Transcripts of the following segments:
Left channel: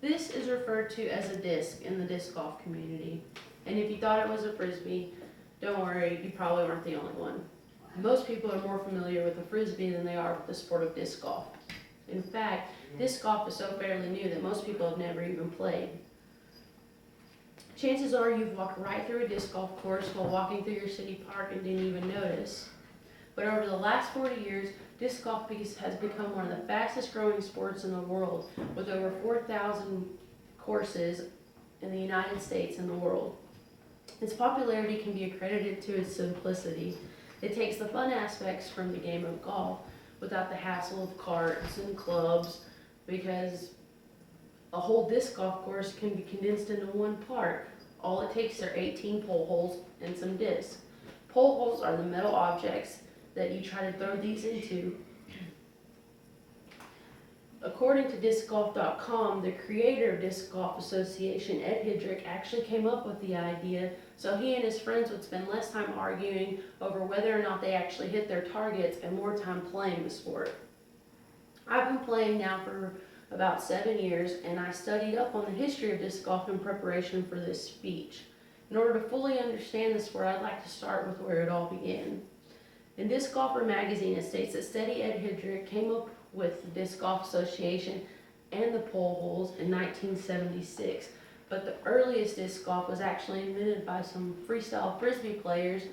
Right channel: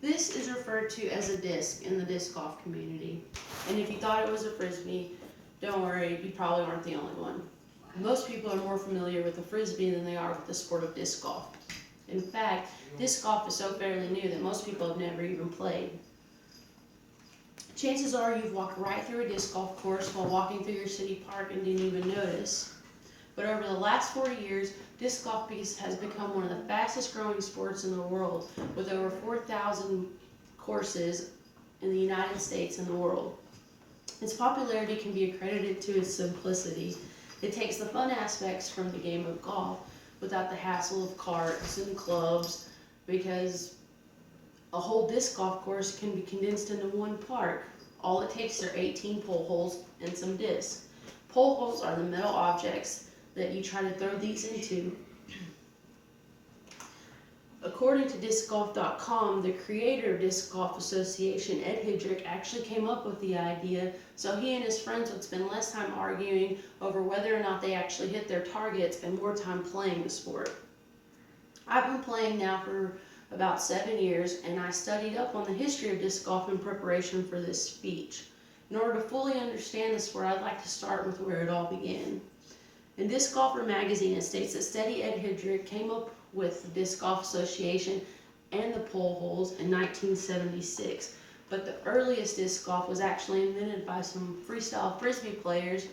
This is referred to as a disc in the disc golf community. And if you thought it was a frisbee, don't worry, you probably weren't the only one. Most people are more familiar with the frisbee than they are with the sport of disc golf. In fact, disc golf is so fairly new that most people have never even played. Chances are you've walked right through a disc golf course while walking through your city park and didn't even notice. But over the last 40 years, disc golf has become one of the fastest growing sports in the world, with over 4,000 courses in the United States and the world. Its popularity can be accredited to its simplicity. It takes the fun aspects from the game of golf without the hassle of carts and clubs, because a whole disc golf course can be condensed into one park. All it takes are 18 pole holes and some discs. Pole holes are the metal objects that you try to throw these into. According to discgolf.com, the creator of Disc Golf Association, Ed Hidrick, actually came up with the idea so he and his friends would spend less time arguing over whether or not they actually hit their targets and more time playing the sport. I've been playing now for about 7 years, and I studied up on the history of disc golf in preparation for this speech. In order to fully understand the sport, I'd like to start with where it all began. In Disc Golfer magazine, it states that Steady Ed Hidrick came up with the Disc Golf Association and the pole holes in 1976, but the earliest disc golf was actually invented by some freestyle frisbee players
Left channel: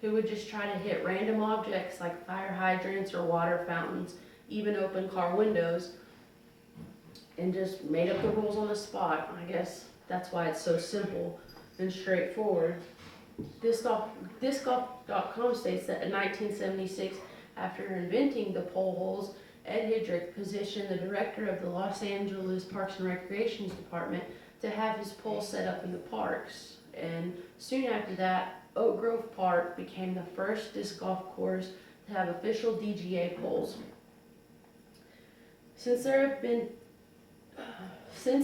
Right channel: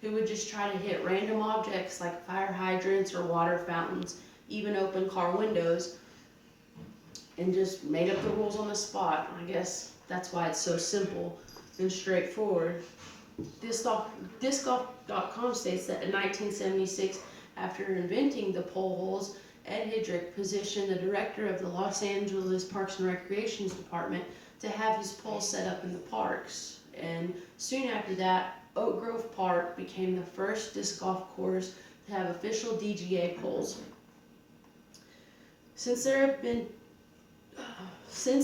who would just try to hit random objects like fire hydrants or water fountains, even open car windows, and just made up the rules on the spot. I guess that's why it's so simple and straightforward. Discgolf.com states that in 1976, after inventing the pole holes, Ed Hidrick positioned the director of the Los Angeles Parks and Recreations Department to have his poles set up in the parks. And soon after that, Oak Grove Park became the first disc golf course to have official DGA poles. Since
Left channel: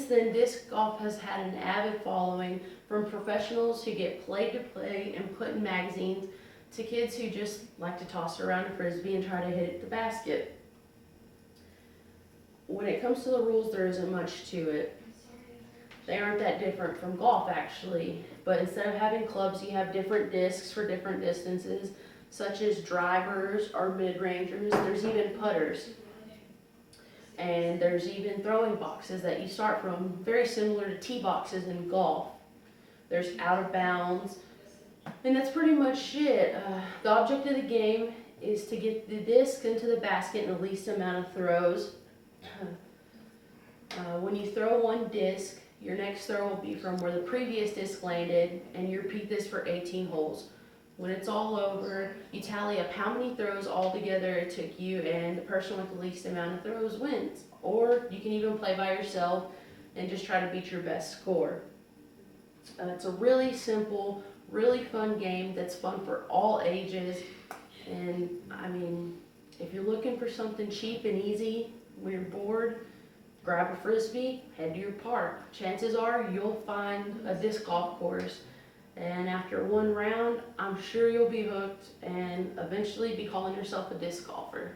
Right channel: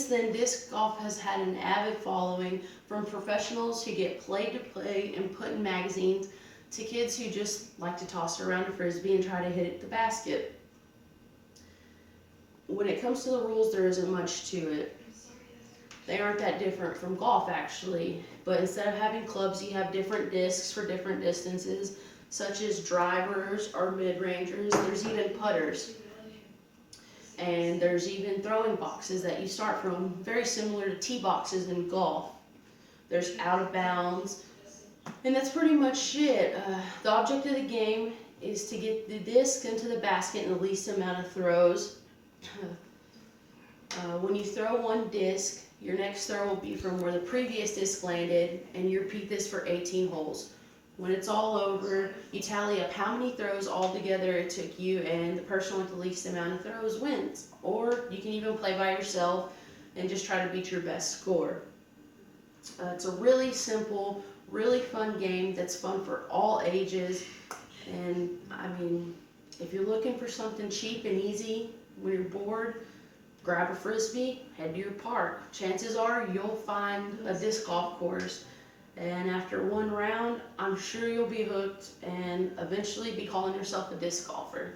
then, disc golf has had an avid following, from professionals who get played to play and put in magazines to kids who just like to toss around a frisbee and try to hit the basket. When it comes to the rules, there isn't much to it. They aren't that different from golf, actually, but instead of having clubs, you have different discs for different distances, such as drivers or mid-rangers. There's even putters. And there's even throwing boxes that you start from, very similar to tee boxes in golf. There's out of bounds, and that's pretty much it. The object of the game is to get the disc into the basket in the least amount of throws. When you throw one disc, your next throw will be from where the previous disc landed, and you repeat this for 18 holes. When it's all over, you tally up how many throws altogether it took you, and the person with the least amount of throws wins. Or you can even play by yourself and just try to beat your best score. It's a really simple, really fun game that's fun for all ages. And I mean, if you're looking for something cheap and easy when you're bored, grab a frisbee, head to your park. Chances are you'll find a disc golf course. And after one round, I'm sure you'll be hooked and eventually be calling yourself a disc golfer.